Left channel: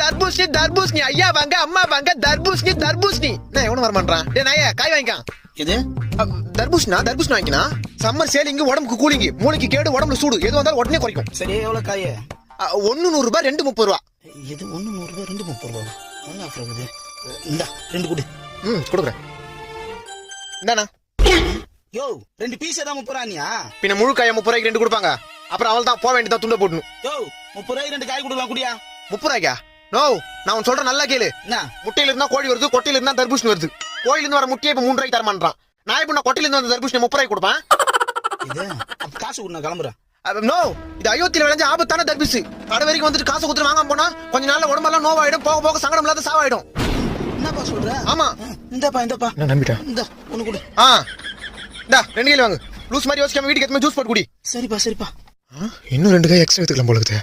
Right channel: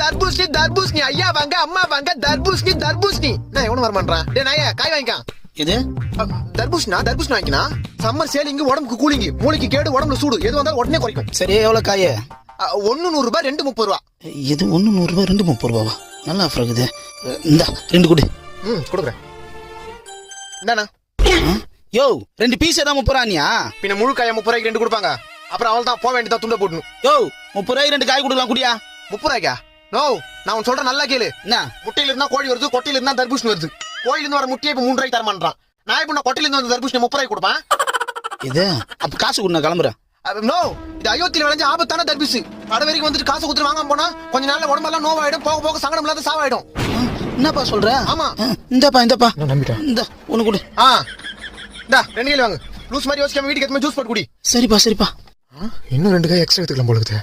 தர்பூசணி தர்பூசணி ஐயா வாங்க அம்மா வாங்க தர்பூசணி தர்பூசணி நான் எவனும் வரமாட்டான் டே நாயே காய் வாங்கிக்கான் எது தர்பூசணி வாங்கினா சம்மர் சேலிங்கு உடம்புக்கு கூலிங்கு மூளைக்கு கேடு உடம்புல சூடு எது வந்தாலும் உடனே குறைக்கும் சரி எவ்வளவு காய 1 100 ரூபாய் 2 30 ரூபா இது 1 100 ரூபாய் 2 30 ரூபாவா நல்லா ஆஃபர் இருக்குது இந்த 2 கொடு கொடுக்குறேன் என்னண்ணா யோ 2 பீஸ் தான் 30 ரூபாயா பின்ன முழு காய 30 ரூபாய்க்கு 2 கொடுப்பாங்க அப்புறம் அவள் தான் போக வேண்டியதா துண்ட போடணும் யோ 30 ரூபாய்க்கு 2 காய் கொடுக்கலாம் குடியா 30 ரூபாய்க்கா நோ நான் உன் சொல்றேன் நல்லா கேளு என்ன முட்டையில இருந்தா கோழி வருது கொட்டையில இருந்தா தர்பூசணி வருது கோயில இருந்து வர முட்டையை இப்ப 3 ரூபாய்க்கு தரமாட்டான் நான் இப்ப நான் கொட்டையில இருந்து வந்த தர்பூசணி 30 ரூபாய்க்கு கொடுப்பேன் இது அப்ப காசு கொடு நான் கிளம்புறேன் நோ இது அயோத்தியில விளைஞ்ச ஆபத்தான தர்பூசு கடை வரைக்கும் வந்துட்டு காசு கொடுத்து வாங்காம போனா கொஞ்ச நாள்ல உடம்பெல்லாம் நோவாயிடும் போக போக சங்கடம் இல்லாத சாவாயிடும் என்னப்பா சொல்ற ஆமா இந்தப்பா நான் நம்பிட்டேன் இந்த ஒண்ணு கொடு இந்தா 2 கிலோ வாங்க லூஸ் மாதிரி யோசிக்காம வீட்டுக்கு எத்தனை ஜூஸ் போட்டு குடி சரிப்பா இன்னும் 2 காய் எக்ஸ்ட்ரா எடுத்துக்கலாம் போல இருக்குது